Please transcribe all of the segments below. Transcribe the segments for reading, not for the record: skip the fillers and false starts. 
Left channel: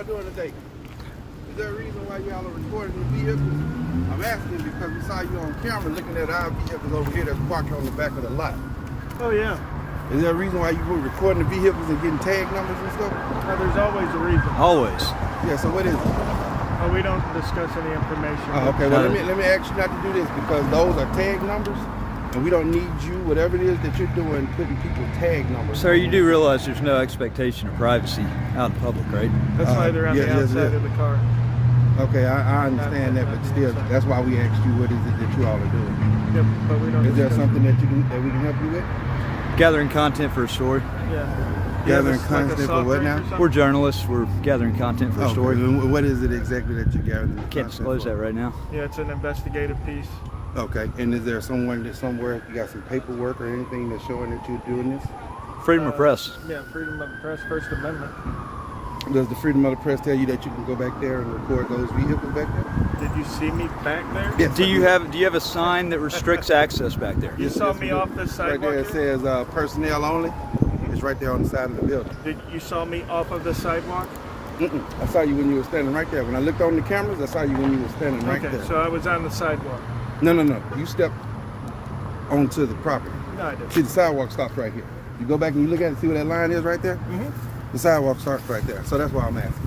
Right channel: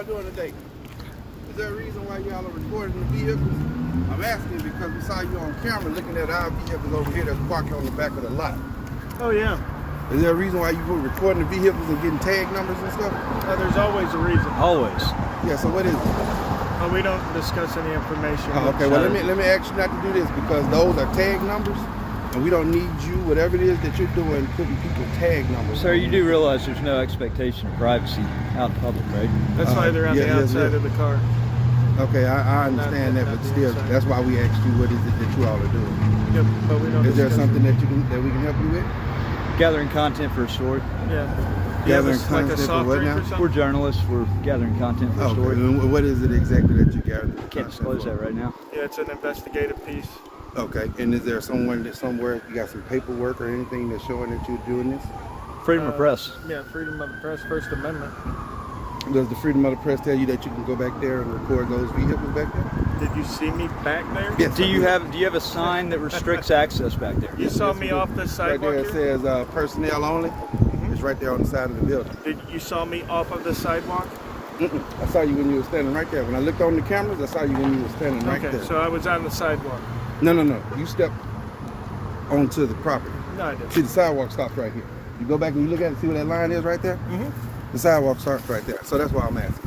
y'all doing today? Is there a reason why y'all are recording the vehicle? I'm asking because we saw you on camera looking at our vehicles over here that's parked on the back of the lot. Oh, yeah. Is there a reason why you were recording the vehicles and getting tag numbers and stuff? Well, there's always a reason. Always. Yeah, so what is it? Well, we don't discuss any information. Oh, okay, well, let me ask you not to do this because those are tag numbers and we don't need you, whatever it is that you're doing, putting people tag numbers. So you do realize there's no expectation of privacy out in public, right? That's why they're on the outside of the car. Okay, I understand that, but still, that's why we asked you what is it that you all are doing. Yep, but we don't. Is there something that we can help you with? Gathering content for a story. Yeah. Gathering Like content for what now? We're journalists. We're gathering content for a Okay, story. and what is it exactly that you're gathering? Can't disclose that right now. Yeah, it's an investigative piece. Okay, and is there someone that somewhere you got some paperwork or anything that's showing that you're doing this? Freedom of press. Yeah, freedom of the press, First Amendment. Does the freedom of the press tell you that you can go back there and record those vehicles back there? Did you see me back there? Yes. Do you have a sign that restricts access back there? You saw me off this sidewalk? Right there it here? says personnel only. It's right there on the side of the building. Did you saw me off of the sidewalk? I saw you when you were standing right there. When I looked on the cameras, I saw you when you were standing right there. So I was on the sidewalk. No. You stepped onto the property. No, I didn't. See, the sidewalk stops right here. You go back and you look at it, see where that line is right there? Mm-hmm. The sidewalk starts right there. So that's why I'm asking.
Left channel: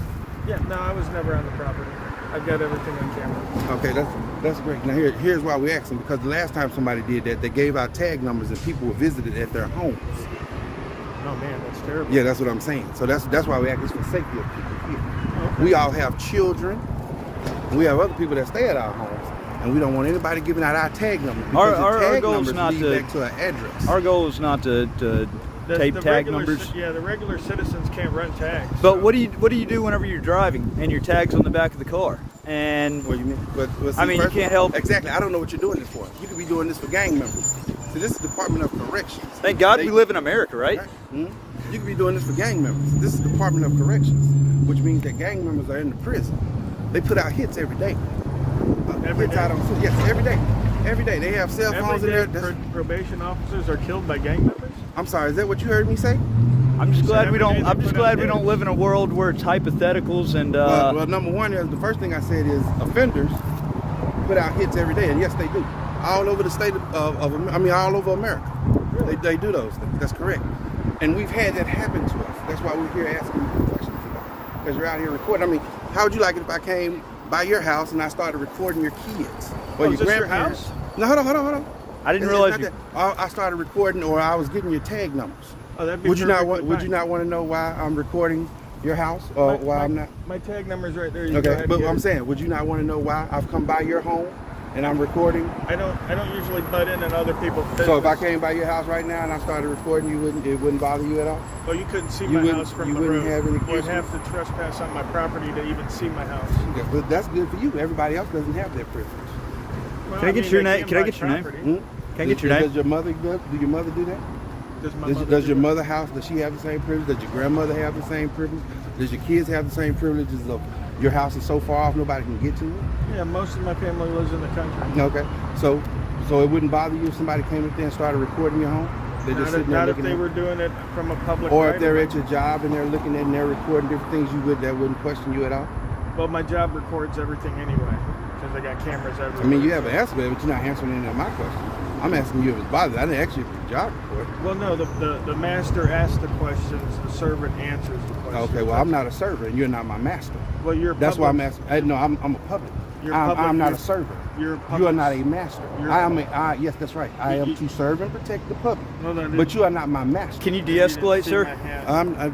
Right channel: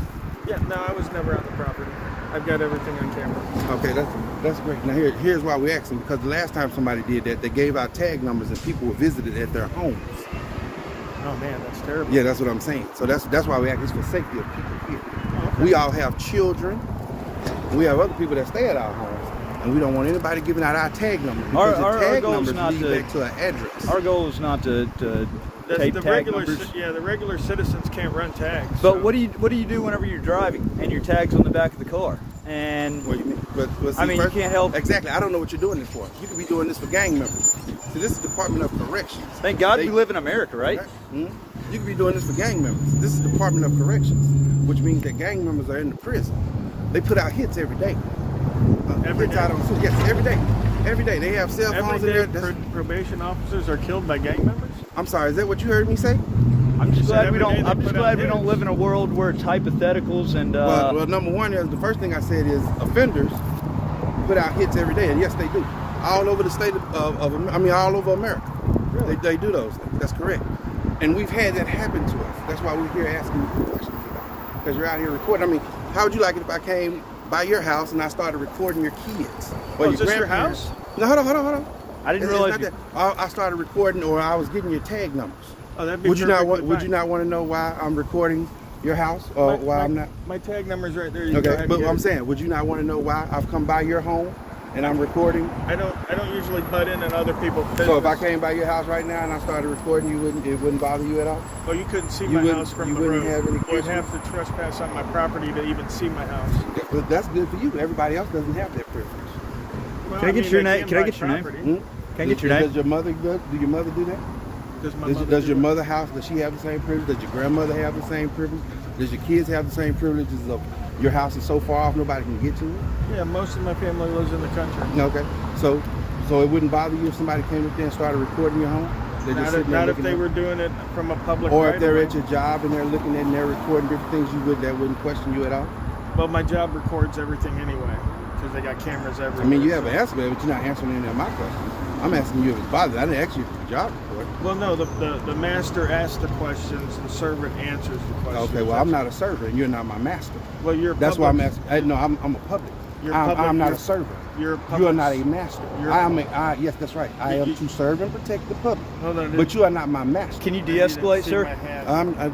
Yeah, no, I was never on the property. I've got everything on camera. Okay, that's great. Now here's why we're asking, because the last time somebody did that, they gave out tag numbers and people were visited at their homes. Oh man, that's terrible. Yeah, that's what I'm saying. So that's why we ask. It's for safety of people here. Oh, okay. We all have children. We have other people that stay at our homes, and we don't want anybody giving out our tag numbers because your tag numbers lead back to an address. Our goal is not to tape tag numbers. Yeah, the regular citizens can't run tags. But what do you do whenever you're driving and your tag's on the back of the car? And What do you mean? But see, I mean, you can't help. Exactly. I don't know what you're doing this for. You could be doing this for gang members. So this is Department of Corrections. Thank God we live in America, right? You could be doing this for gang members. This is Department of Corrections, which means that gang members are in the prison. They put out hits every day. Hits out on yes, every day. Every day. They have cell phones in there. Probation officers are killed by gang members? I'm sorry, is that what you heard me say? I'm just glad we don't live in a world where it's hypotheticals and. Well, number one is the first thing I said is offenders put out hits every day, and yes, they do. All over the state all over America. Really? They do those things. That's correct. And we've had that happen to us. That's why we're here asking you questions about it. Because you're out here recording. I mean, how would you like it if I came by your house and I started recording your kids? Or your grandparents? No, hold on. I didn't realize that. I started recording, or I was getting your tag numbers. Oh, that'd be Would you not want to know why I'm recording your house, or why I'm not? My tag number's right there. Okay, but I'm saying, would you not want to know why I've come by your home and I'm recording? I don't usually butt in other people's business. So if I came by your house right now and I started recording, it wouldn't bother you at all? Well, you couldn't see my house from the road. You'd have to questions? trespass on my property to even see my house. But that's good for you. Everybody else doesn't have that privilege. Well, Can I get your name? Can I get your name? Can I get your name? Does your mother do that? Does your mother house, does she have the same privilege? Does your grandmother have the same privilege? Does your kids have the same privileges of your house is so far off nobody can get to it? Yeah, most of my family lives in the country. Okay, so it wouldn't bother you if somebody came up there and started recording your home? They're just sitting there Not if looking they at were doing it from a public. Or if they're at your job and they're looking at and they're recording different things, that wouldn't question you at all? Well, my job records everything anyway, because they got cameras everywhere. I mean, you have an answer, but you're not answering any of my questions. I'm asking you if it's bothered. I didn't ask you for your job report. Well, no, the master asks the questions, the servant answers the questions. Okay, well, I'm not a server, and you're not my master. Well, you're. That's why I'm asking. No, I'm a public. I'm not a server. You are not a master. Yes, that's right. I am to serve and protect the public. But you are not my master. Can you de-escalate, sir?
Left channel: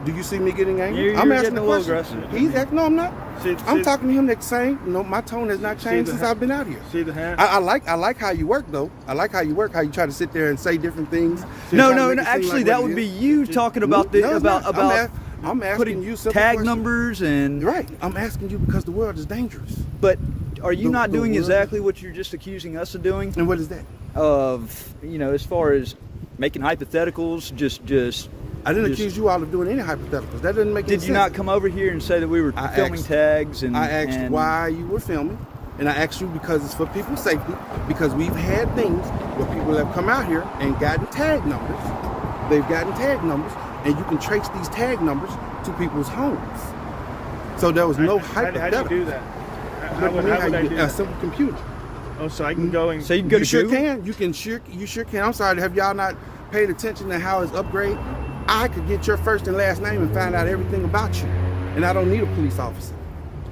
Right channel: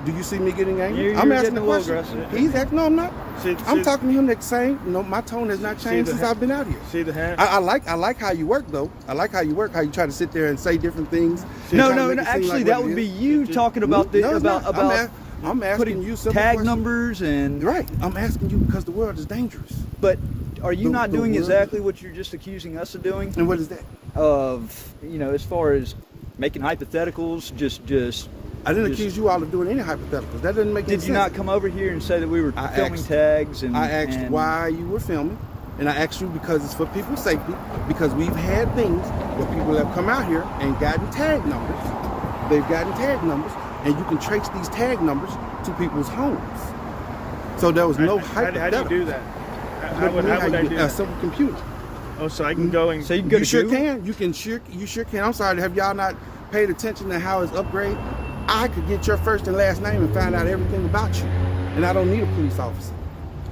Do you see me getting angry? You're I'm asking getting the a little question. aggressive. He's acting. No, I'm not. I'm See- talking to him the same. No, my tone has not changed since I've been out here. See the hat? I like how you work though. I like how you work. How you try to sit there and say different things. No. Actually, that would be you talking about the I'm asking putting you simple tag questions. numbers and Right. I'm asking you because the world is dangerous. But are you not doing world exactly what you're just accusing us of doing? And what is that? As far as making hypotheticals, just I didn't accuse you all of doing any hypotheticals. That doesn't make any sense. Did you not come over here and say that we were filming tags? And I asked why you were filming, and I asked you because it's for people's safety. Because we've had things where people have come out here and gotten tag numbers. They've gotten tag numbers, and you can trace these tag numbers to people's homes. So there was no How do hypothetical. you do that? What do you mean, how would I you do get a that? simple computer? Oh, so I can go and So you can go You to sure Google? can. You sure can. I'm sorry. Have y'all not paid attention to how it's upgraded? I could get your first and last name and find out everything about you, and I don't need a police officer.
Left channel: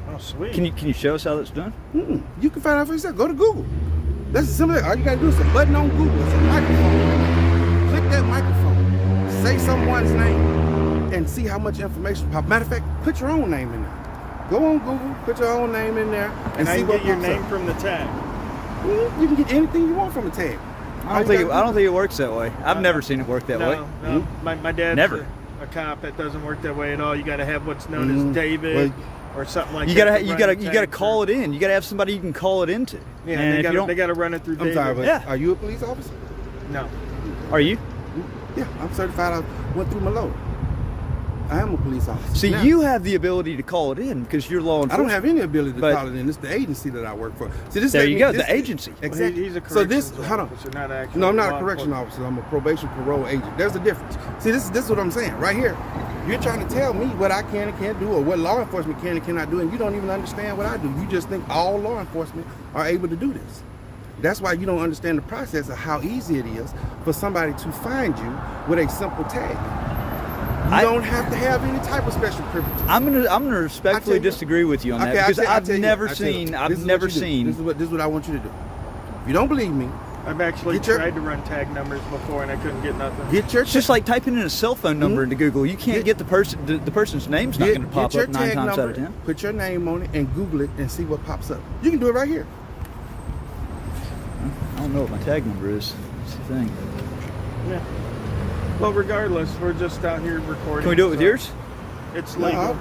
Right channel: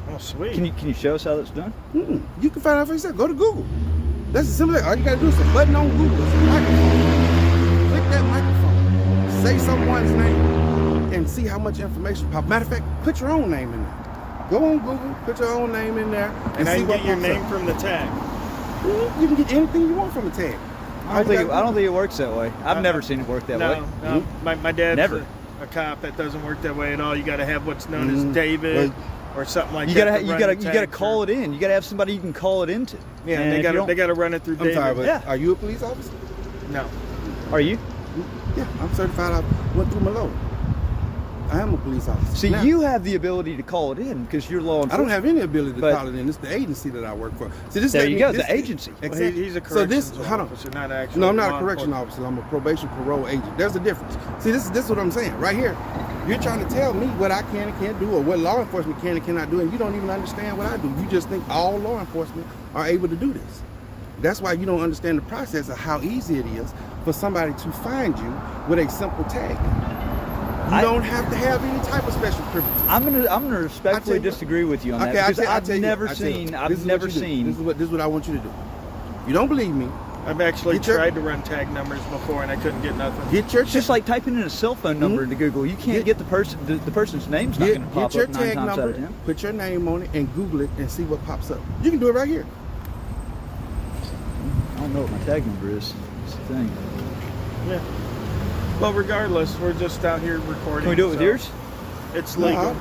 oh sweet. Can you show us how that's done? You can find out for yourself. Go to Google. That's as simple as all you gotta do is a button on Google. It's a microphone. Click that microphone. Say someone's name and see how much information pops. Matter of fact, put your own name in there. Go on Google, put your own name in there, and I see can what get your pops name up. from the tag. You can get anything you want from a tag. I don't think it works that way. I've never seen it work that way. No. My dad's Never. a cop. That doesn't work that way at all. You got to have what's known as David Well, or something like You that. gotta to you run gotta the you gotta tag call through. it in. You gotta have somebody you can call it into. Yeah, and they if you don't, got to run it through I'm David. sorry, but Yeah. are you a police officer? No. are you? Yeah, I'm certified. I went through my load. I am a police officer. See, Now, you have the ability to call it in because you're law I enforcement. don't have any ability to But- call it in. It's the agency that I work for. See, this There let you me- go, this- the agency. Well, Exactly. he's a So this, corrections hold on. officer, not actually No, I'm not law a correction enforcement. officer. I'm a probation parole agent. There's a difference. See, this is what I'm saying right here. You're trying to tell me what I can and can't do, or what law enforcement can and cannot do, and you don't even understand what I do. You just think all law enforcement are able to do this. That's why you don't understand the process of how easy it is for somebody to find you with a simple tag. You don't have to have any type of special privileges. I'm gonna respectfully disagree with you on that because I've never seen This is what I want you to do. You don't believe me? I've actually Get your- tried to run tag numbers before and I couldn't get nothing. Get your It's just like typing in a cell phone number into Google. You can't get the person's name's not going to pop get your up 9 tag times out number, of 10. put your name on it, and Google it and see what pops up. You can do it right here. I don't know what my tag number is. That's the thing. Yeah. Well, regardless, we're just out here recording. Can we do it with so yours? It's No, legal.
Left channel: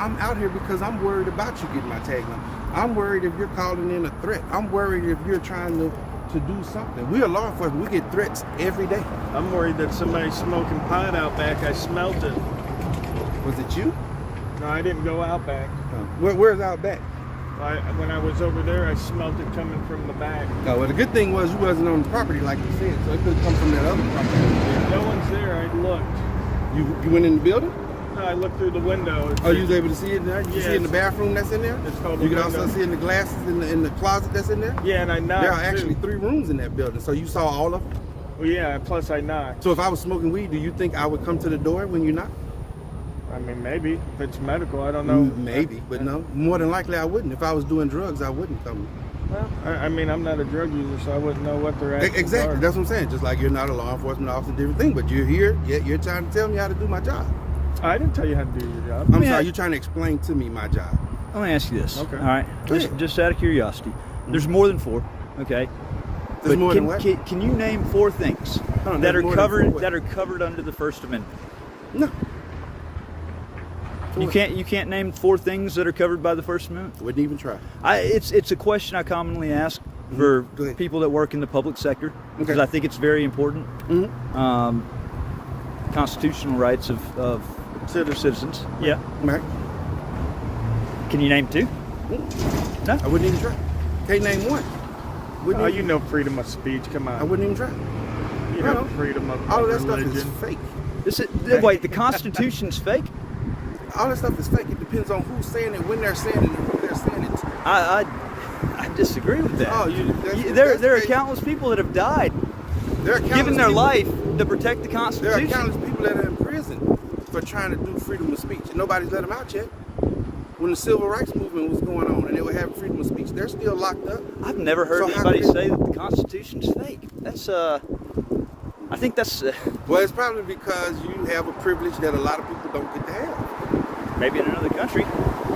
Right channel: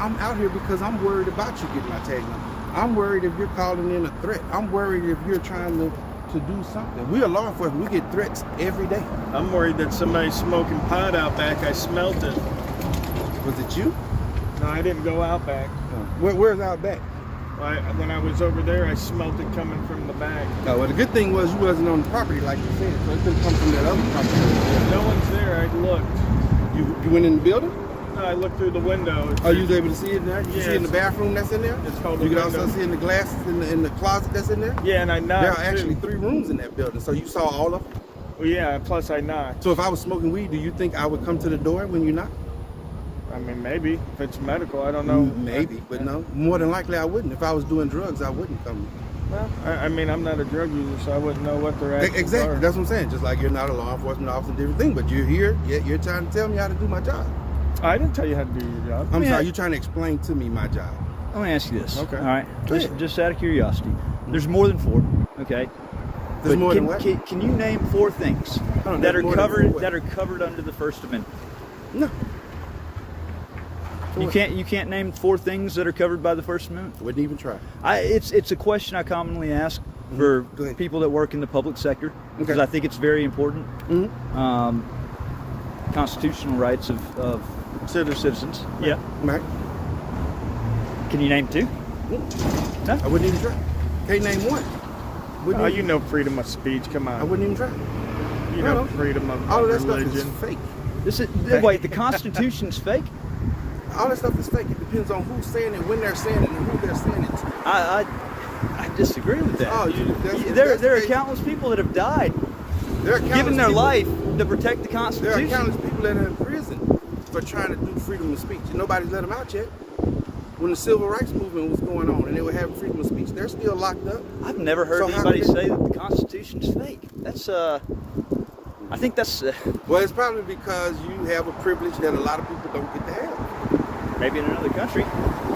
I'm out here because I'm worried about you getting my tag number. I'm worried if you're calling in a threat. I'm worried if you're trying to do something. We are law enforcement. We get threats every day. I'm worried that somebody's smoking pot out back. I smelt it. Was it you? No, I didn't go out back. Where's out back? When I was over there, I smelt it coming from the back. Oh, well, the good thing was you wasn't on the property like you said, so it couldn't come from that other property. No one's there. I looked. You went in the building? No, I looked through the window. Oh, you was able to see it in there? You Yeah, see it in the bathroom that's in there? It's called You the can also window. see in the glasses in the closet that's in there? Yeah, and I knocked. There are actually too. 3 rooms in that building, so you saw all of them? Well, yeah, plus I knocked. So if I was smoking weed, do you think I would come to the door when you knock? I mean, maybe. If it's medical, I don't know. Maybe, but no. More than likely I wouldn't. If I was doing drugs, I wouldn't come. Well, I mean, I'm not a drug user, so I wouldn't know what their actions Exactly. are. That's what I'm saying. Just like you're not a law enforcement officer, different thing, but you're here, yet you're trying to tell me how to do my job. I didn't tell you how to do your job. I'm Yeah. sorry, you're trying to explain to me my job. Let me ask you this. Okay. All right. Go ahead. Just out of curiosity. There's more than 4. Okay. There's But more can, than what? Can you name 4 things Oh, that there's are more than covered 4. that are covered under the First Amendment? No. You can't name 4 things that are covered by the First Amendment. Wouldn't even try. It's a question I commonly ask for Go ahead. people that work in the public sector because Okay. I think it's very important. Mm-hmm. Constitutional rights of citizens. Yeah. Right. Can you name 2? I wouldn't even try. Can't name one. Wouldn't Oh, even- you know freedom of speech. Come on. I wouldn't even try. You No, know no. freedom of All of that stuff is religion. fake. Wait, the Constitution's fake? All that stuff is fake. It depends on who's saying it, when they're saying it, and who they're saying it to. I disagree with that. Oh, There are countless people that have died There are giving countless their people- life to protect the There are Constitution. countless people that are in prison for trying to do freedom of speech. Nobody's let them out yet. When the civil rights movement was going on and they were having freedom of speech, they're still locked up. I've never heard So how anybody did they- say that the Constitution's fake. That's I think that's Well, it's probably because you have a privilege that a lot of people don't get to have. maybe in another country.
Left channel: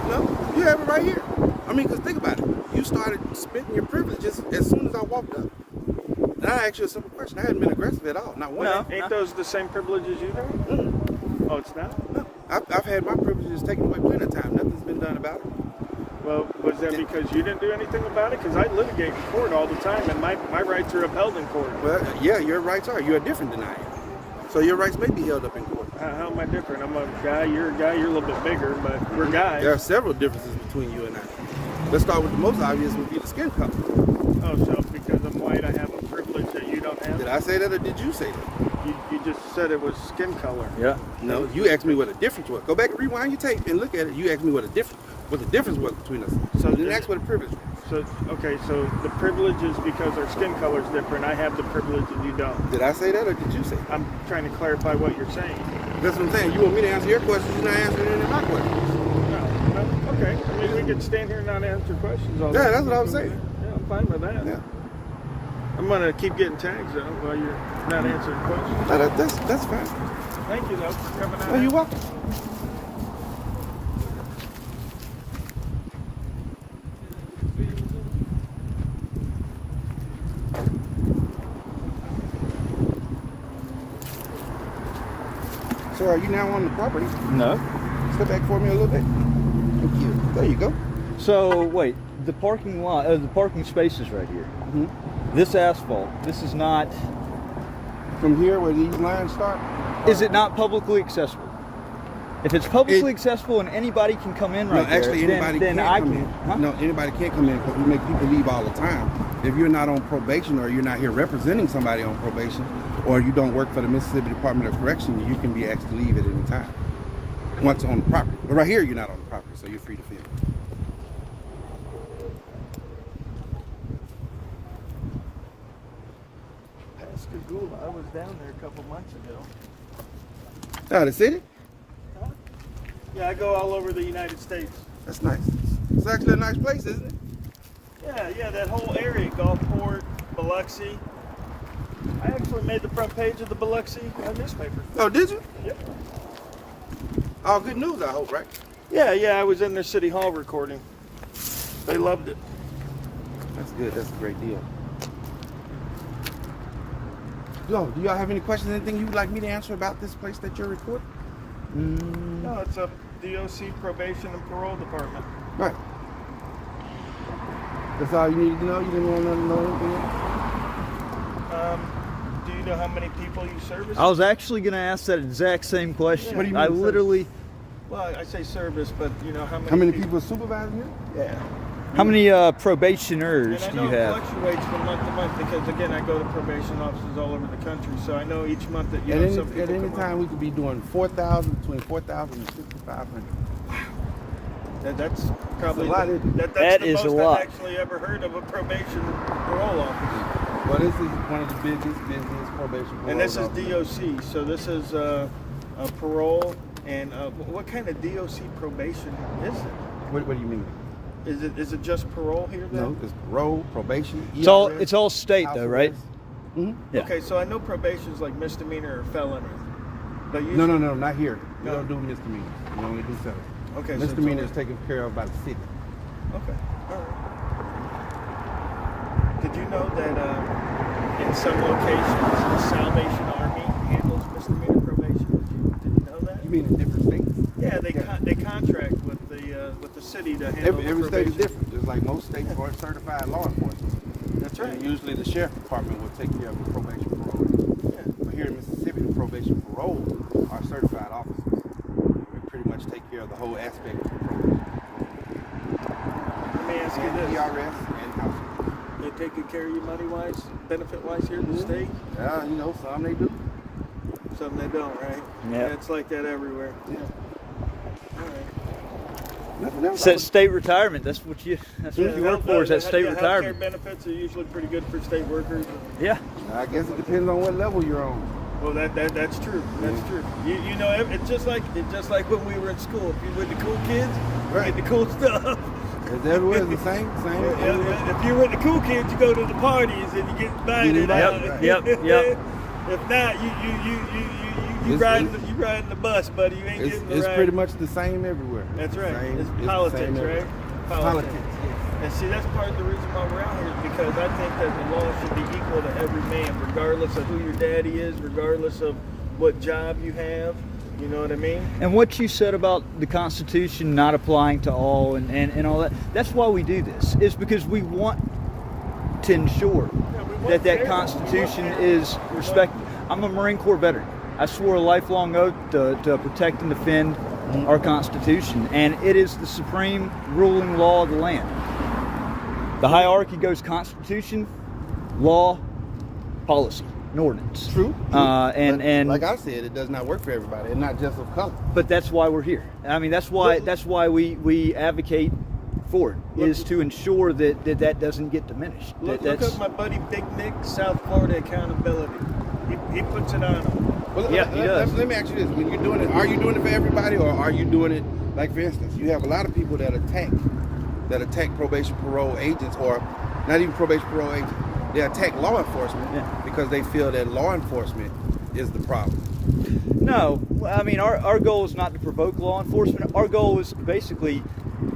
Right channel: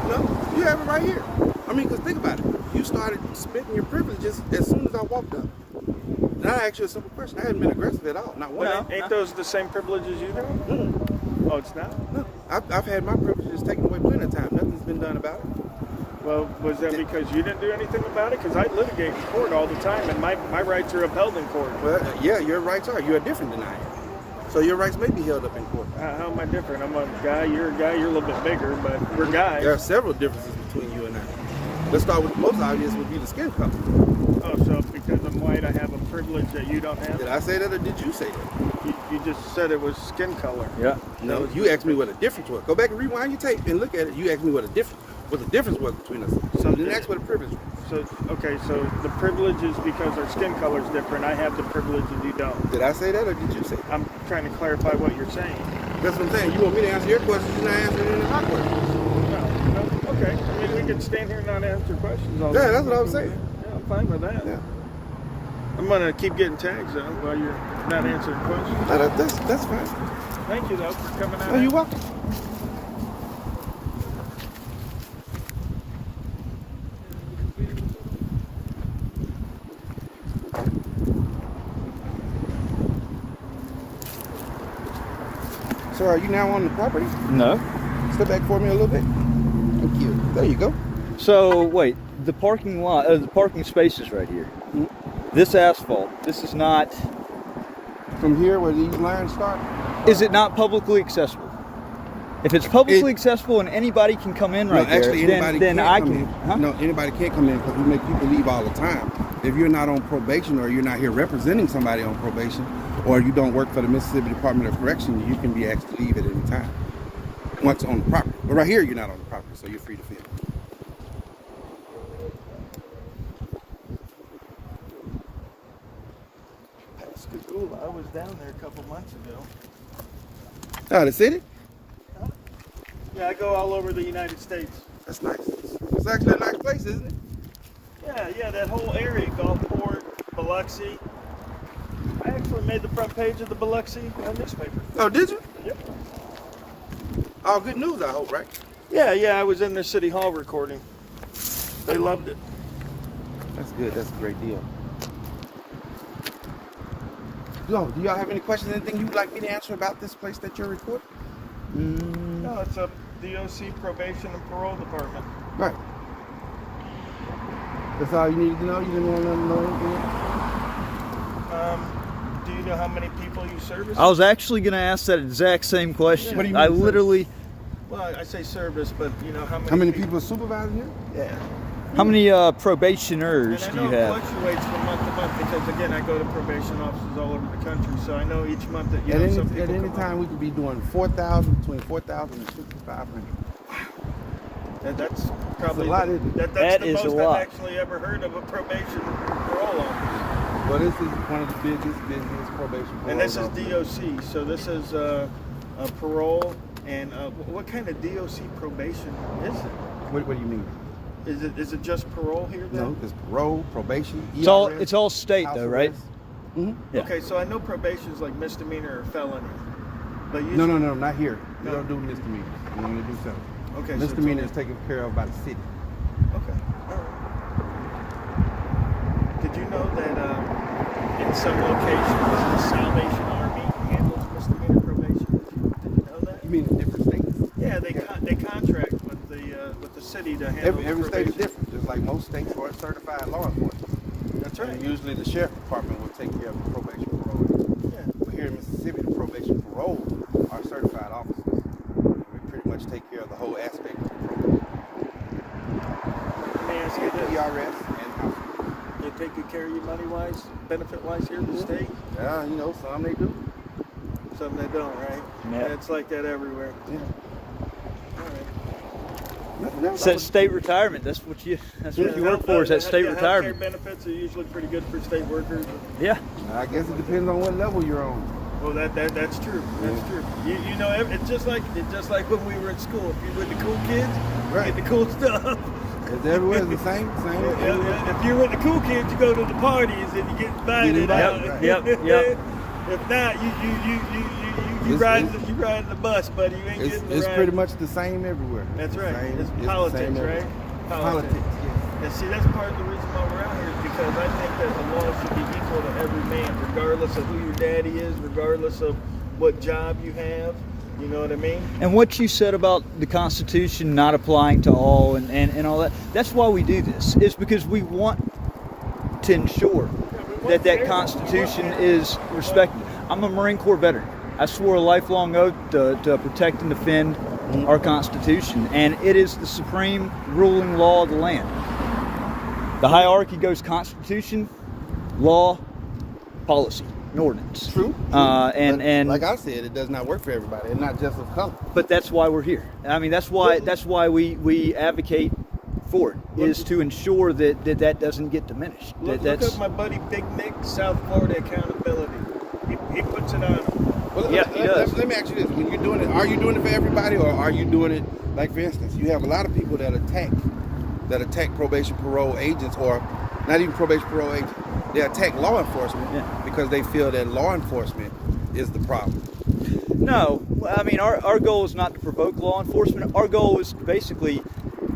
No, you have it right here. I mean, because think about it. You started spitting your privileges as soon as I walked up. And I asked you a simple question. I hadn't been aggressive at all. Not one. No. Ain't those the same privileges you have? Oh, it's not? I've had my privileges taken away plenty of time. Nothing's been done about it. Well, was that because you didn't do anything about it? Because I litigate in court all the time, and my rights are upheld in court. Well, yeah, your rights are. You're different than I am. So your rights may be held up in court. How am I different? I'm a guy, you're a guy, you're a little bit bigger, but we're guys. There are several differences between you and I. Let's start with the most obvious would be the skin color. Oh, so because I'm white, I have a privilege that you don't have? Did I say that or did you say that? You just said it was skin color. Yeah. No, you asked me what the difference was. Go back and rewind your tape and look at it. You asked me what the difference was between us. So you didn't ask what the privilege was. So okay, so the privilege is because our skin color is different. I have the privilege and you don't. Did I say that or did you say that? I'm trying to clarify what you're saying. That's what I'm saying. You want me to answer your questions, you're not answering any of my questions. No, okay. I mean, we can stand here and not answer questions all the Yeah, time. that's what I was saying. Yeah, I'm fine with that. Yeah. I'm gonna keep getting tags though while you're not answering questions. No, that's fine. Thank you though for coming out. No, you're welcome. So are you now on the property? No. Step back for me a little bit. Thank you. There you go. So wait, the parking lot, the parking spaces right here. Mm-hmm. This asphalt. This is not. From here where these lines start? Is it not publicly accessible? If it's publicly accessible and anybody can come in right No, actually, there, anybody then can't I come can. in. Huh? No, anybody can't come in because we make people leave all the time. If you're not on probation or you're not here representing somebody on probation or you don't work for the Mississippi Department of Correction, you can be asked to leave at any time once on the property. But right here, you're not on the property, so you're free to flee. Pascagoula. I was down there a couple months ago. The city? Yeah, I go all over the United States. That's nice. It's actually a nice place, isn't it? Yeah, that whole area, Gulfport, Biloxi. I actually made the front page of the Biloxi newspaper. Oh, did you? Yep. All good news, I hope, right? Yeah, I was in their city hall recording. They loved it. That's good. That's a great deal. Yo, do y'all have any questions? Anything you'd like me to answer about this place that you're recording? No, it's a DOC probation and parole department. Right. That's all you needed to know? You didn't want to know anything else? Do you know how many people you service? I was actually going to ask that exact same question. What do you I mean, literally. Well, I say service, but you know how many? How many people supervise you? Yeah. How many probationers And do I you know have? it fluctuates from month to month because again, I go to probation offices all over the country, so I know each month that some people At any come up. time, we could be doing 4,000, between 4,000 and 5,500. That's probably a lot, isn't it? that's That the is most a lot. I've actually ever heard of a probation parole officer. Well, this is one of the busiest probation parole And this is officers. DOC, so this is a parole. And what kind of DOC probation is it? What do you mean? Is it just parole here then? No, it's parole, probation, It's all state house though, right? arrest. Mhm. Yeah. Okay, so I know probation is like misdemeanor or felony. But usually, No, not here. We No. don't do misdemeanors. We only do felonies. Okay, so Misdemeanor it's is taken care of by the city. okay, all right. Did you know that in some locations the Salvation Army handles misdemeanor probation? Did you know that? You mean in different states? Yeah, they contract with the city to handle Every the state is probation. different. Just like most states are certified law enforcement. That's And right. usually the sheriff department will take care of the probation parole. Yeah. But here in Mississippi, the probation parole are certified officers. We pretty much take care of the whole aspect of the probation. Let me ask you And this: PRS and house. they take good care of you money-wise, benefit-wise here in the state? Yeah, some they do. Some they don't, right? Yeah. It's like that everywhere. Yeah. All right. Nothing else. It's that state retirement. That's what you work for. Is that state Healthcare retirement? benefits are usually pretty good for state workers. Yeah. I guess it depends on what level you're on. Well, that's true. That's Yeah. true. You know, it's just like when we were in school. If you were the cool kids, you Right. get the cool stuff. It's everywhere the same. Yeah, if you're with the cool kids, you go to the parties and you get invited out. Yep. If not, you It's- riding the bus, buddy. You ain't getting the It's ride. pretty much the same everywhere. That's the right. same- It's the politics, same everywhere. right? Politics. And see, that's part of the reason why we're out here is because I think that the law should be equal to every man, regardless of who your daddy is, regardless of what job you have. You know what I mean? And what you said about the Constitution not applying to all and all that, that's why we do this. It's because we want to ensure that Constitution is respected. I'm a Marine Corps veteran. I swore a lifelong oath to protect and defend our Constitution, and it is the supreme ruling law of the land. The hierarchy goes Constitution, law, policy, an ordinance. True. And But and like I said, it does not work for everybody, and not just of color. but that's why we're here. I mean, that's why we advocate for it, is to ensure that doesn't get diminished. Look at my buddy Big Nick, South Florida Accountability. He puts it on him. Well, Yeah, he does. let me ask you this: when you're doing it, are you doing it for everybody, or are you doing it, like for instance, you have a lot of people that attack probation parole agents, or not even probation parole agents. They attack law enforcement because they feel that law enforcement is the problem. No, I mean our goal is not to provoke law enforcement. Our goal is basically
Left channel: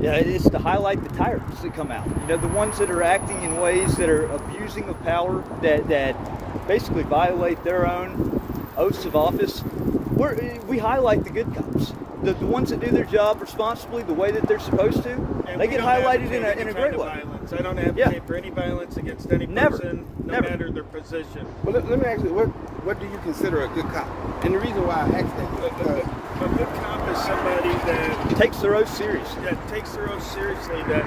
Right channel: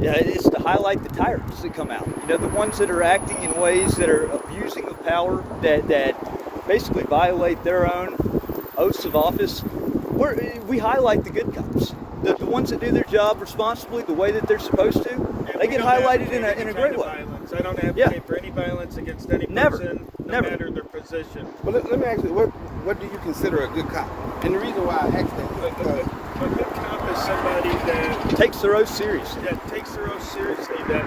is to highlight the tyrants that come out. You know, the ones that are acting in ways that are abusing of power, that basically violate their own oaths of office. We highlight the good cops, the ones that do their job responsibly, the way that they're supposed to. And they we get don't highlighted advocate in a any great kind of way. violence. I don't advocate for any violence against any Never. person, no Never. matter their position. But let me ask you, what do you consider a good cop? And the reason why I asked that is because A good cop is somebody that Takes their oath seriously. takes their oath seriously, that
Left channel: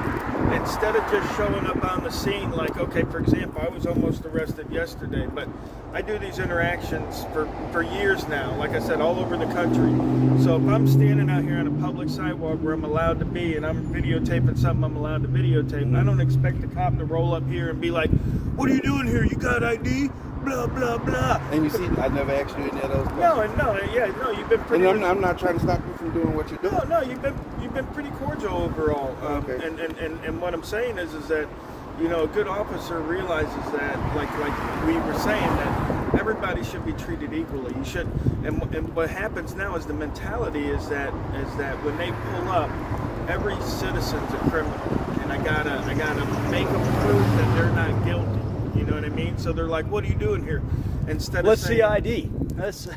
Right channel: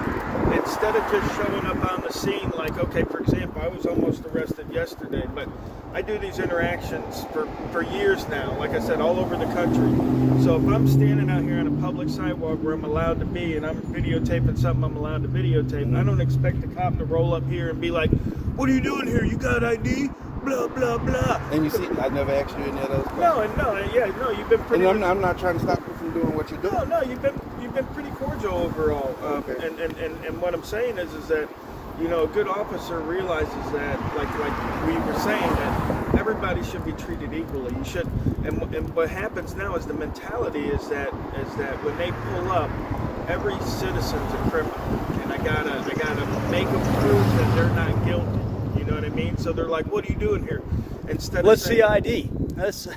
instead of just showing up on the scene, like, okay, for example, I was almost arrested yesterday, but I do these interactions for years now, like I said, all over the country. So if I'm standing out here on a public sidewalk where I'm allowed to be, and I'm videotaping something I'm allowed to videotape, I don't expect the cop to roll up here and be like, what are you doing here? You got ID? Blah, blah, blah. and you see, I never asked you any of those questions. No, you've been pretty... And I'm not trying to stop you from doing what you're doing. No, you've been pretty cordial overall. Okay. And what I'm saying is that, you know, a good officer realizes that, like we were saying, that everybody should be treated equally. You should, and what happens now is the mentality is that when they pull up, every citizen's a criminal, and I gotta make them prove that they're not guilty. You know what I mean? So they're like, "What are you doing here?" Instead Let's of see saying, ID. That's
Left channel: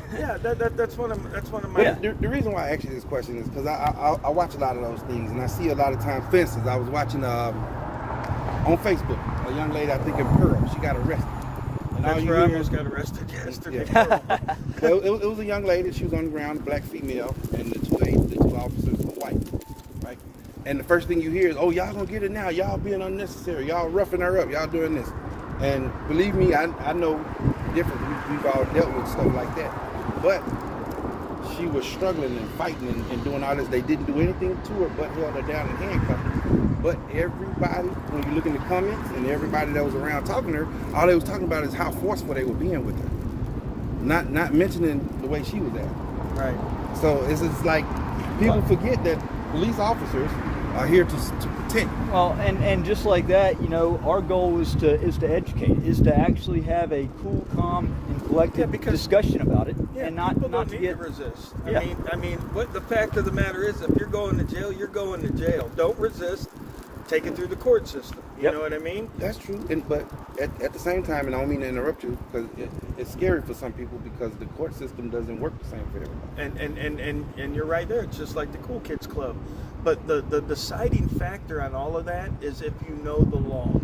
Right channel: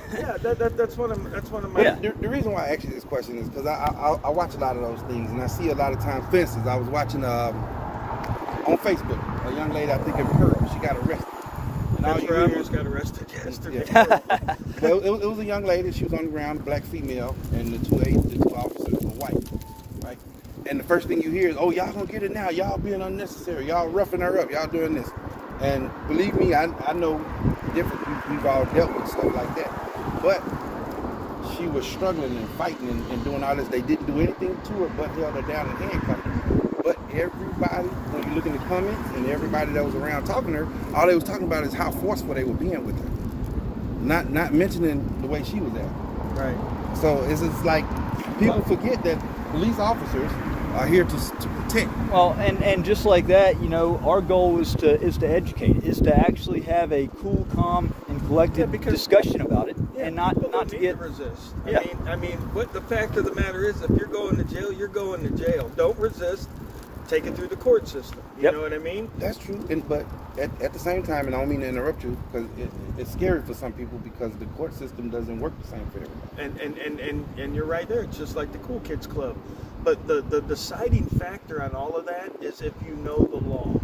that's one of my. But the reason why I asked you this question is because I watch a lot of those things, and I see a lot of times fences. I was watching on Facebook a young lady, I think in Pearl, she got arrested. And That's all you where I hear almost got arrested yesterday. Yeah. Well, it was a young lady. She was on the ground, a black female, and the two officers were white, right? And the first thing you hear is, "Oh, y'all gonna get it now? Y'all being unnecessary. Y'all roughing her up. Y'all doing this." And believe me, I know different. We've all dealt with stuff like that. But she was struggling and fighting and doing all this. They didn't do anything to her but held her down and handcuffed her. But everybody, when you look in the comments and everybody that was around talking to her, all they was talking about is how forceful they were being with her. Not mentioning the way she was at. Right. So it's like people forget that police officers are here to protect. well, and just like that, you know, our goal is to educate, is to actually have a cool, calm, and collected because- discussion about it, and People not don't to need get. to resist. Yeah. I mean, what the fact of the matter is, if you're going to jail, you're going to jail. Don't resist. Take it through the court system. You Yep. know what I mean? That's true, but at the same time, and I don't mean to interrupt you, because it's scary for some people because the court system doesn't work the same for everybody. And you're right there. It's just like the Cool Kids Club. But the deciding factor on all of that is if you know the law.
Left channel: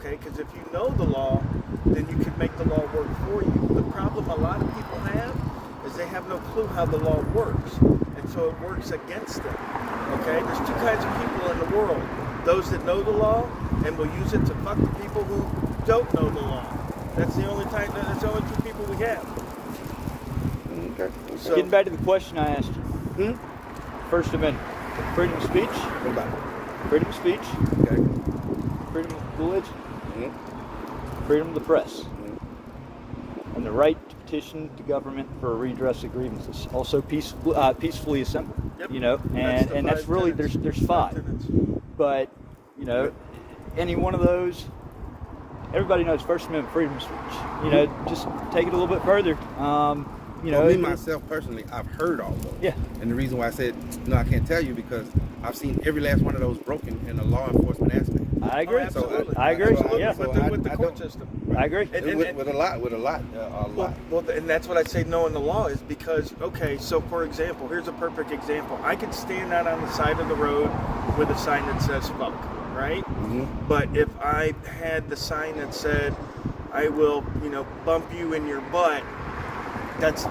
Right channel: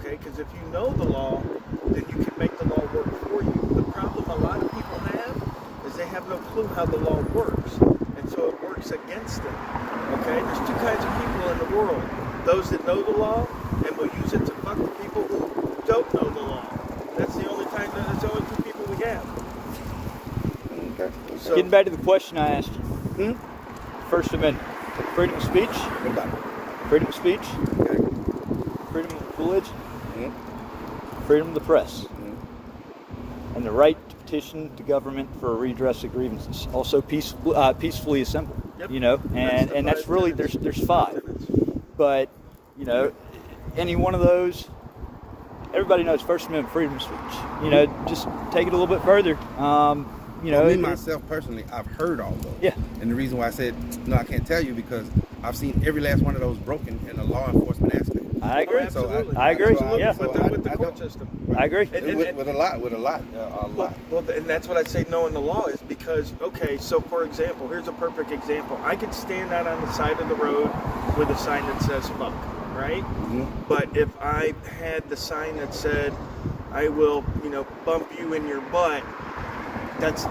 Okay? Because if you know the law, then you can make the law work for you. The problem a lot of people have is they have no clue how the law works. And so it works against them. Okay? There's two kinds of people in the world. Those that know the law and will use it to fuck the people who don't know the law. That's the only two people we have. Okay. So- Getting back to the question I asked you. First Amendment, freedom of speech, What about it? freedom of speech, Okay. freedom of religion, Mhm. freedom of the press, Mhm. and the right to petition the government for a redress of grievances. Also, peacefully assemble. Yep. You know, and the that's five really tenets. there's five. But you know, any one of those, everybody knows First Amendment, freedom of speech. You know, just take it a little bit further. You know, Well, me myself personally, I've heard all those. Yeah. And the reason why I said no, I can't tell you because I've seen every last one of those broken in a law enforcement aspect. I agree. absolutely. I agree. Absolutely. Yeah. With the I court don't- system. I agree. And- With a lot. Well, and that's what I say knowing the law is because, okay, so for example, here's a perfect example. I could stand out on the side of the road with a sign that says fuck, right? Mhm. But if I had the sign that said, I will, bump you in your butt, that's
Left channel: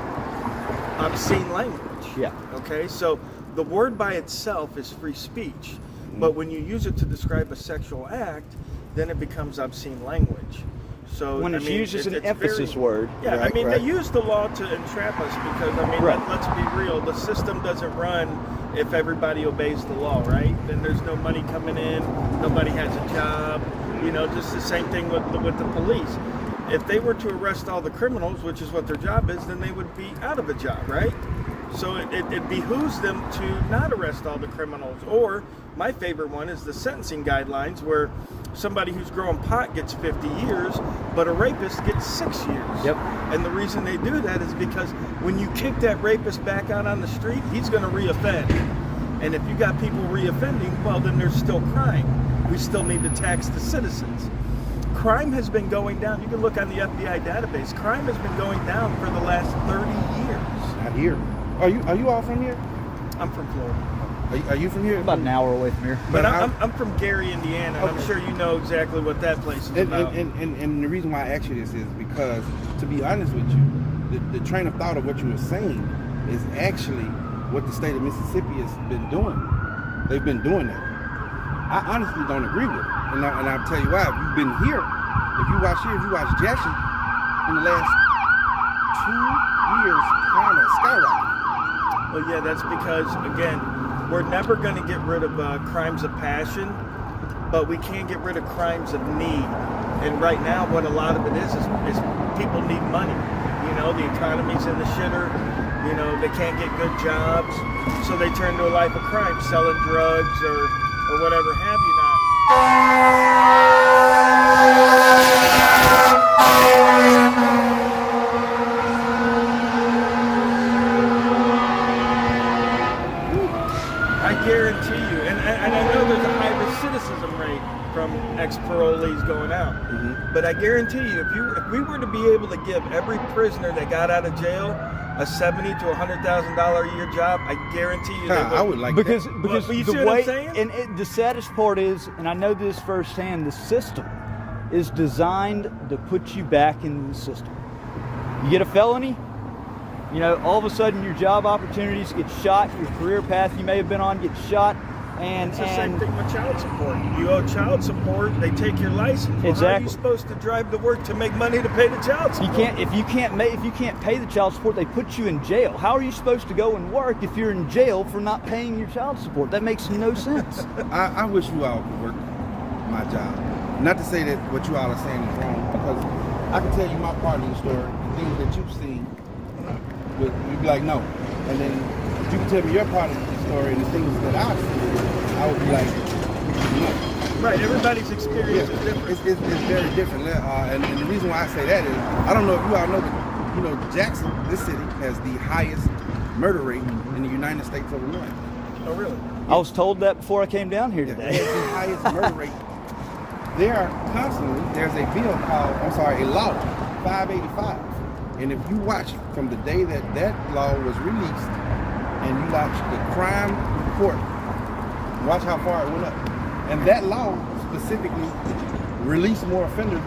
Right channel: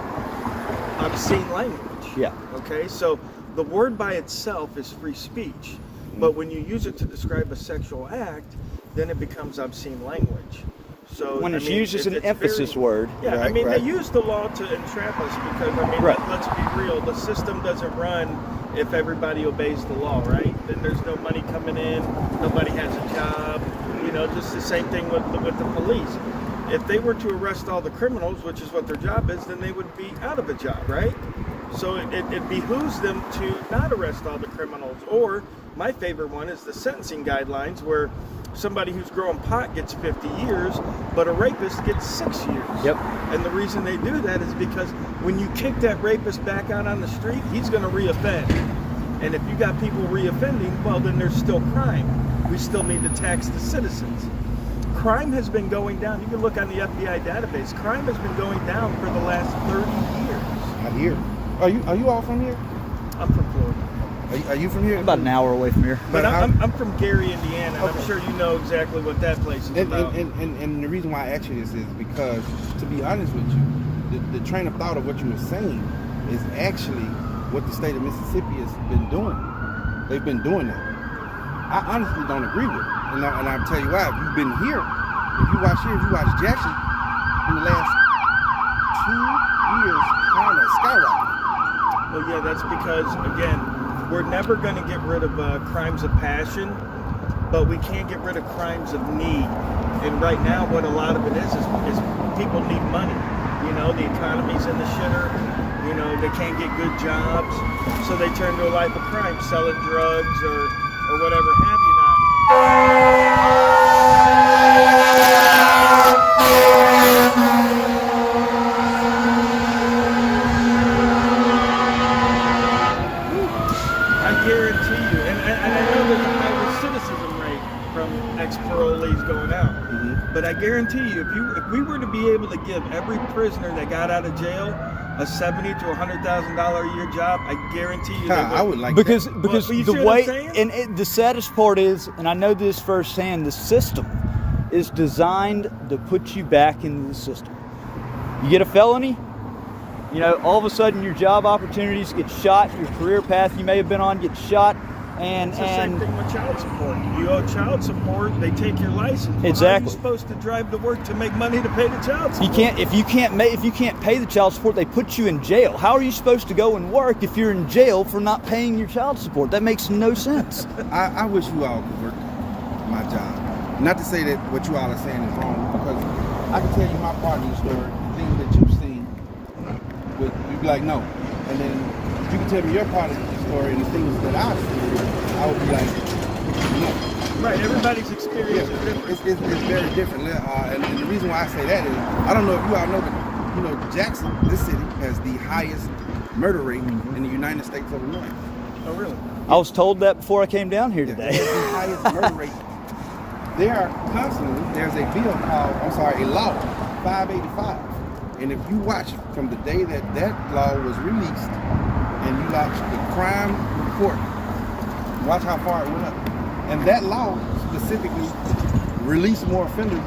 obscene language. Yeah. Okay, so the word by itself is free speech, but when you use it to describe a sexual act, then it becomes obscene language. So when I it's mean, used as an it's emphasis very- word. Yeah, I Right, mean, right. they use the law to entrap us because, I mean, Right. let's be real, the system doesn't run if everybody obeys the law, right? Then there's no money coming in, nobody has a job, you know, just the same thing with the police. If they were to arrest all the criminals, which is what their job is, then they would be out of a job, right? So it behooves them to not arrest all the criminals. Or my favorite one is the sentencing guidelines, where somebody who's growing pot gets 50 years, but a rapist gets 6 years. Yep. And the reason they do that is because when you kick that rapist back out on the street, he's going to reoffend. And if you got people reoffending, well, then there's still crime. We still need to tax the citizens. Crime has been going down. You can look on the FBI database. Crime has been going down for the last 30 years. Not here. Are you all from here? I'm from Florida. Are you from here? About an hour away from here. But how- I'm from Gary, Indiana, and Okay. I'm sure you know exactly what that place is And, about. and the reason why I ask you this is because, to be honest with you, the train of thought of what you were saying is actually what the state of Mississippi has been doing. They've been doing that. I honestly don't agree with it. And I'll tell you why. If you've been here, if you watch Jackson, in the last 2 years, kind of skyrocketed. Well, yeah, that's because, again, we're never going to get rid of crimes of passion, but we can't get rid of crimes of need. And right now, what a lot of it is people need money. You know, the economy's in the shitter. You know, they can't get good jobs, so they turn to a life of crime, selling drugs or whatever have you not. I guarantee you, and I know there's a high recidivism rate from ex-parolees going out, but I guarantee you, if we were to be able to give every prisoner that got out of jail a $70,000 to $100,000 a year job, I guarantee you, they I would like Because that. because But you the see what I'm way saying? the saddest part is, and I know this firsthand, the system is designed to put you back into the system. You get a felony, you know, all of a sudden your job opportunities get shot, your career path you may have been on gets shot, and It's the same thing with child support. You owe child support, they take your license. Well, How are Exactly. you supposed to drive to work to make money to pay the child support? you can't if you can't pay the child support, they put you in jail. How are you supposed to go and work if you're in jail for not paying your child support? That makes no sense. I wish you all could work my job. Not to say that what you all are saying is wrong, because I can tell you my part of the story, the things that you've seen, you'd be like, no. And then you can tell me your part of the story and the things that I've seen, I would be like, no. Right, everybody's experience Yeah, is different. it's very different. And the reason why I say that is, I don't know if you all know, but you know, Jackson, this city, has the highest murder rate in the United States of America. Oh, really? I was told that before I came down here It today. has the highest murder rate. There's a bill called, a law, 585. And if you watch from the day that law was released, and you watch the crime report, watch how far it went up. And that law specifically released more offenders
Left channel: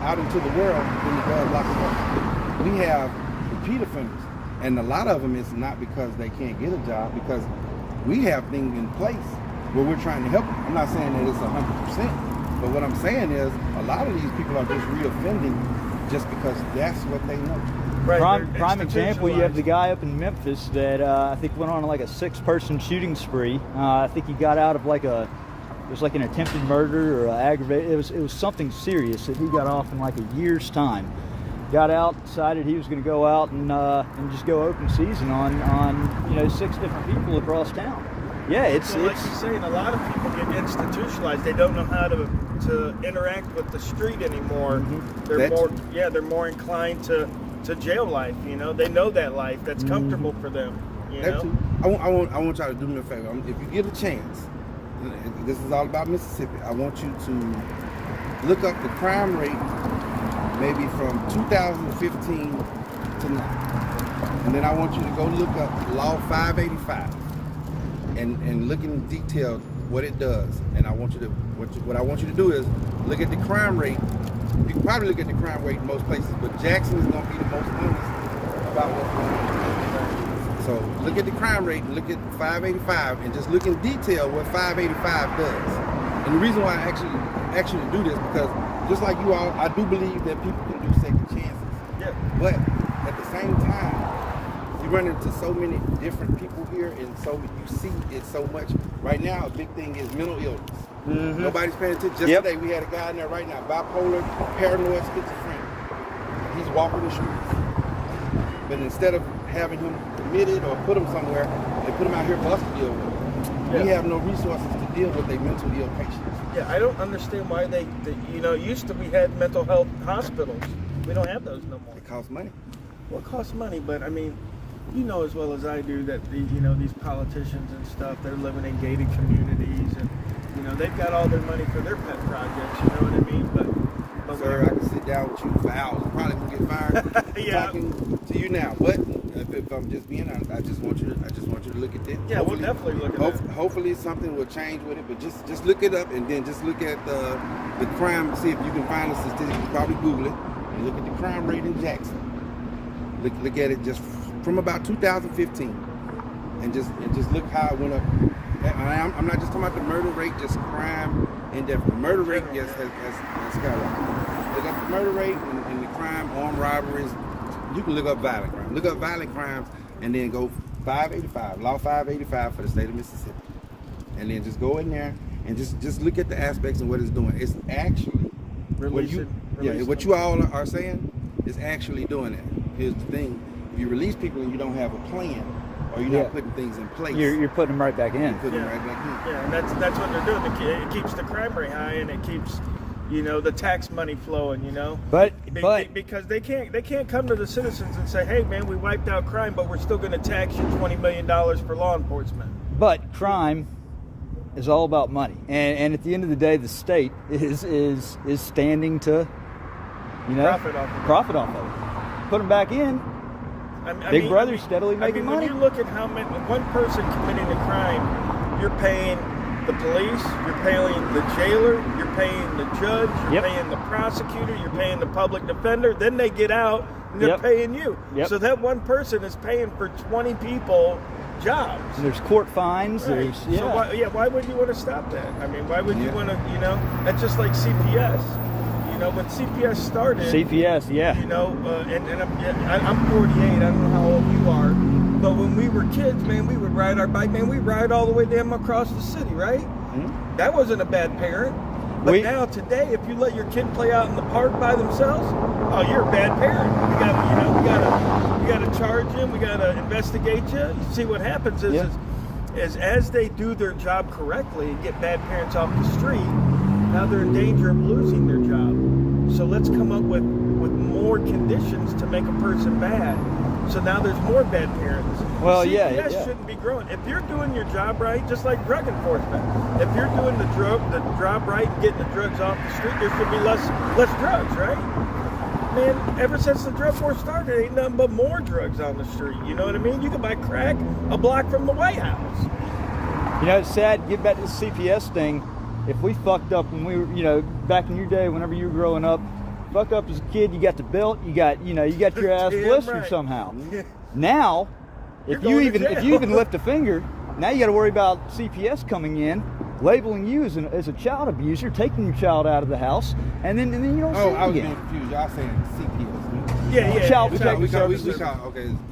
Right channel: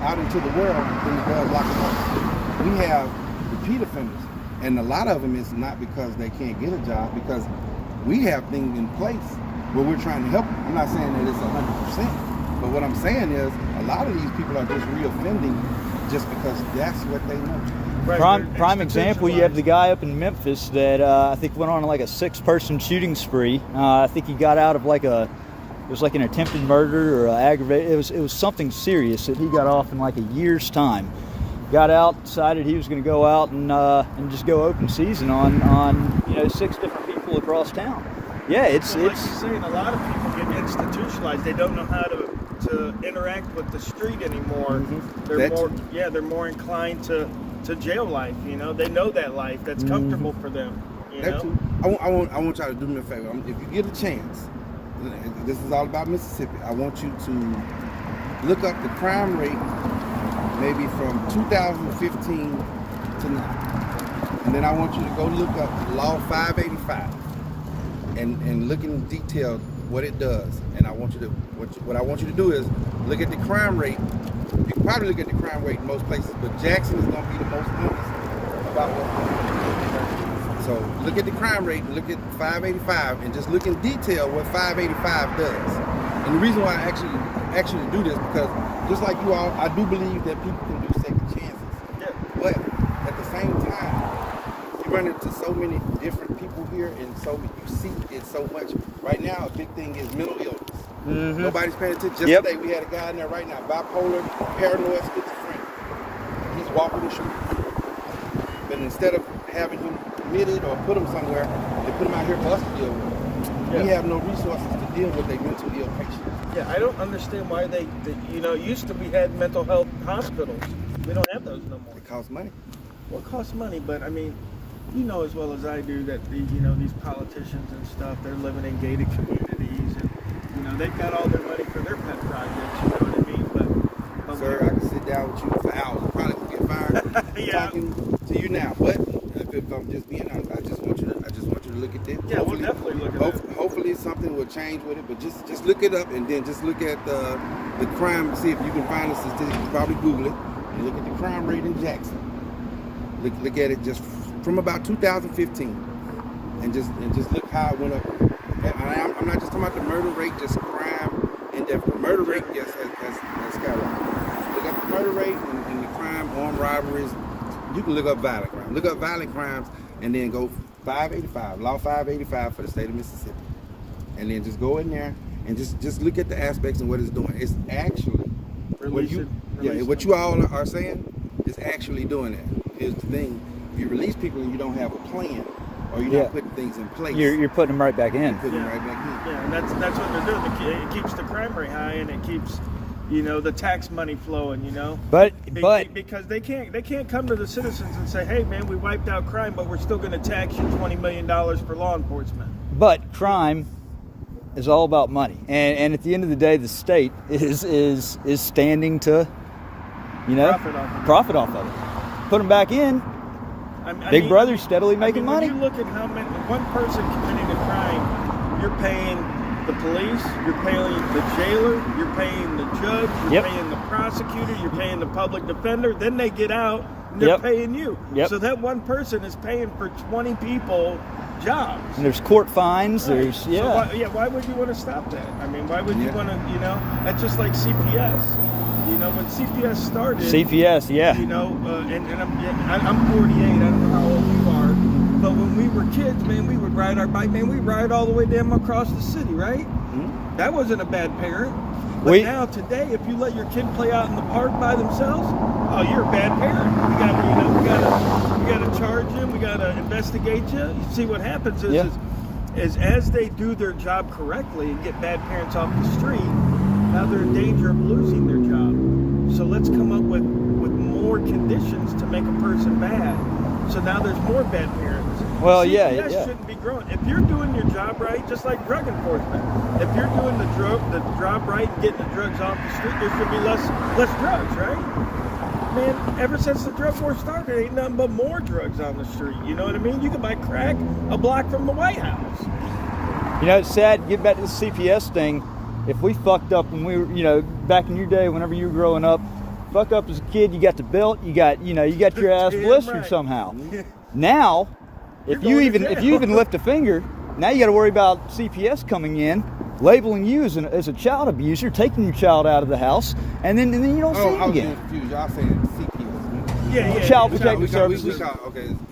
out into the world than it does lock them up. We have repeat offenders, and a lot of them is not because they can't get a job, because we have things in place where we're trying to help them. I'm not saying that it's 100%, but what I'm saying is a lot of these people are just reoffending just because that's what they know. Right. Prime example, you have the guy up in Memphis that I think went on like a 6-person shooting spree. I think he got out of it was like an attempted murder or aggravated. It was something serious that he got off in like a year's time. Got out, decided he was going to go out and just go open season on 6 different people across town. Yeah, it's like you're saying, a lot of people get institutionalized. They don't know how to interact with the street anymore. Mm-hmm. They're more inclined to jail life. You know, they know that life. That's comfortable for them. You That know? too. I want y'all to do me a favor. If you get a chance, this is all about Mississippi. I want you to look up the crime rate, maybe from 2015 to now, and then I want you to go look up Law 585 and look in detail what it does. And I want you to what I want you to do is look at the crime rate. You can probably look at the crime rate in most places, but Jackson is going to be the most honest about what's going on. So look at the crime rate, look at 585, and just look in detail what 585 does. And the reason why I actually do this, because just like you all, I do believe that people can do second chances. Yeah. But at the same time, you run into so many different people here, and so you see it so much. Right now, a big thing is mental illness. Mm-hmm. Nobody's paying attention. Just Yep. today, we had a guy in there right now, bipolar, paranoid, schizophrenic. He's walking the streets. But instead of having him committed or put him somewhere, they put him out here for us to deal with. We have no resources to deal with a mental ill patient. Yeah, I don't understand why they used to we had mental health hospitals. We don't have those no more. It costs money. Well, it costs money, but I mean, you know as well as I do that these politicians and stuff, they're living in gated communities, and they've got all their money for their pet projects. You know what I mean? But Sir, I can sit down with you for hours. You probably gonna get fired talking to you now. But if I'm just being honest, I just want you to look at it. yeah, we'll definitely look at that. Hopefully something will change with it. But just look it up, and then just look at the crime. See if you can find the statistics. You probably Google it and look at the crime rate in Jackson. Look at it just from about 2015, and just look how it went up. I'm not just talking about the murder rate, just crime and death. The murder rate has skyrocketed. Look up the murder rate and the crime, armed robberies. You can look up violent crime. Look up violent crimes and then go 585, law 585 for the state of Mississippi. And then just go in there and just look at the aspects and what it's doing. It's actually what you all are saying is actually doing that. Here's the thing: if you release people and you don't have a plan, or you're not putting things in place, You're putting them right back in. putting them right back in. Yeah, and that's what they're doing. It keeps the crime rate high, and it keeps the tax money flowing. But because they can't come to the citizens and say, hey man, we wiped out crime, but we're still going to tax you $20 million for law enforcement. But crime is all about money, and at the end of the day, the state is standing to profit off of it. Put them back in. Big Brother's steadily making money. When you look at how many one person committing a crime, you're paying the police, you're paying the jailer, you're paying the judge, you're paying the prosecutor, you're paying the public defender. Then they get out and they're paying you. So that one person is paying for 20 people jobs. And there's court fines. Right. There's So why would you want to stop that? I mean, why would you want to? That's just like CPS. When CPS started. CPS, and I'm 48. I don't know how old you are, but when we were kids, man, we would ride our bike. Man, we ride all the way damn across the city, right? Mm-hmm. That wasn't a bad parent. But now today, if you let your kid play out in the park by themselves, oh, you're a bad parent. We got to charge them. We got to investigate you. See what happens is as they do their job correctly and get bad parents off the street, now they're in danger of losing their job. So let's come up with more conditions to make a person bad. So now there's more bad parents. Well, CPS shouldn't be growing. If you're doing your job right, just like drug enforcement, if you're doing the job right, getting the drugs off the street, there should be less drugs, right? Man, ever since the drug war started, ain't nothing but more drugs on the street. You know what I mean? You can buy crack a block from the White House. It's sad. Get back to the CPS thing. If we fucked up when we were, back in your day, whenever you were growing up, fucked up as a kid, you got the belt, you got your ass blistered somehow. Now, if you even lift a finger, now you got to worry about CPS coming in, labeling you as a child abuser, taking your child out of the house, and then you don't see him again. I was confused. Y'all saying CPS? Child Protective Services.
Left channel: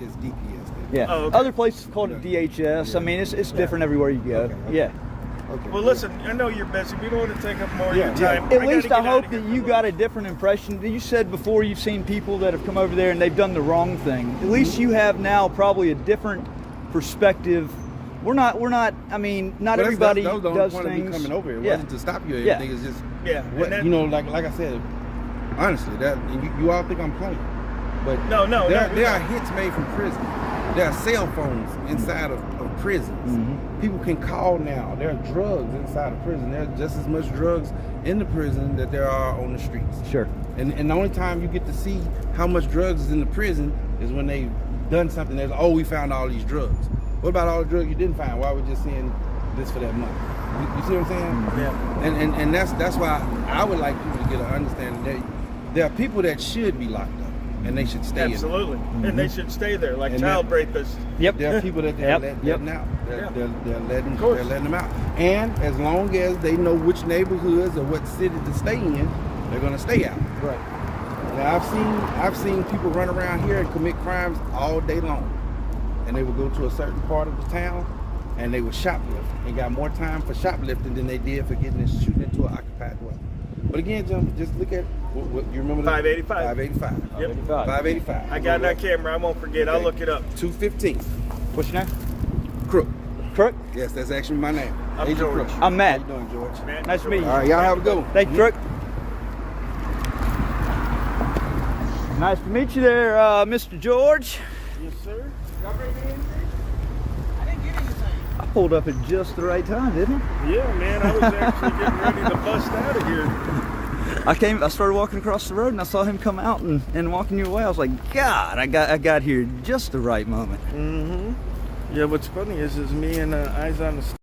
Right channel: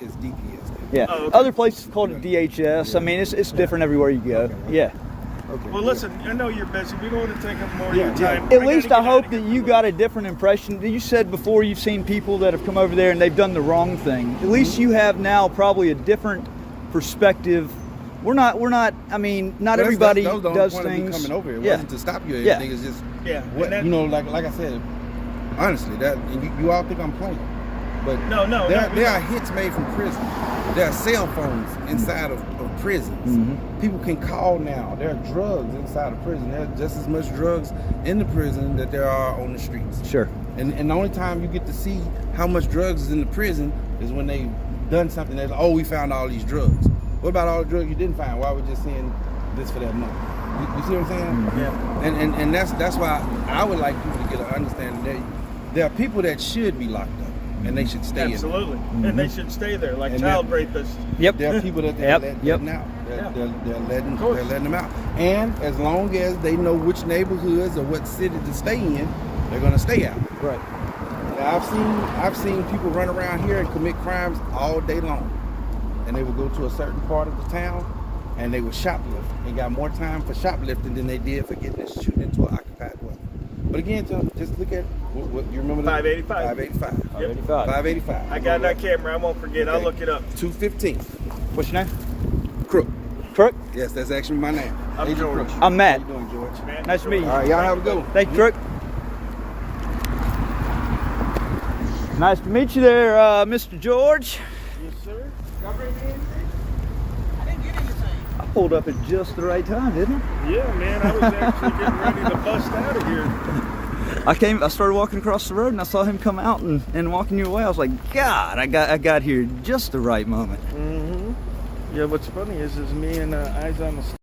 It's DPS. Yeah. Oh, okay. Other places called it DHS. I mean, it's different everywhere you go. Okay. Okay. Well, listen, I know you're busy. We don't want to take up more of your time. At least I hope that you got a different impression. You said before you've seen people that have come over there and they've done the wrong thing. At least you have now probably a different perspective. We're not. I mean, not everybody does things. Coming over here. It wasn't to stop you or anything. It's just like I said. Honestly, you all think I'm playing, but there are hits made from prison. There are cell phones inside of prisons. Mm-hmm. People can call now. There are drugs inside of prison. There are just as much drugs in the prison that there are on the streets. Sure. And the only time you get to see how much drugs is in the prison is when they've done something that's, we found all these drugs. What about all the drugs you didn't find? Why were we just seeing this for that money? You see what I'm saying? Yeah. And that's why I would like people to get an understanding that there are people that should be locked up. and they should stay Absolutely. And they should stay there, like And child that- rapists. Yep. There are people that they're Yep, letting yep. out. Yeah. They're letting them out. And as long as they know which neighborhoods or what city to stay in, they're going to stay out. Right. Now, I've seen people run around here and commit crimes all day long, and they would go to a certain part of the town and they would shoplift and got more time for shoplifting than they did for getting and shooting into an occupied dwelling. But again, John, just look at what you remember. 585. 585. Yep. 585. I got that camera. I won't forget. I'll Okay. look it up. 215. What's your name? Crook. Crook. Yes, that's actually my name. I'm Agent George. Crook. I'm Matt. How you doing, George? Nice to meet you. All right, y'all have a good one. Thank you, Crook. Nice to meet you there, Mr. George. Yes, sir. I pulled up at just the right time, didn't I? Yeah, man. I was actually getting ready to bust out of here. I started walking across the road and I saw him come out and walking your way. I was like, God, I got here just the right moment. Mm-hmm. Yeah, what's funny is me and Eyes on the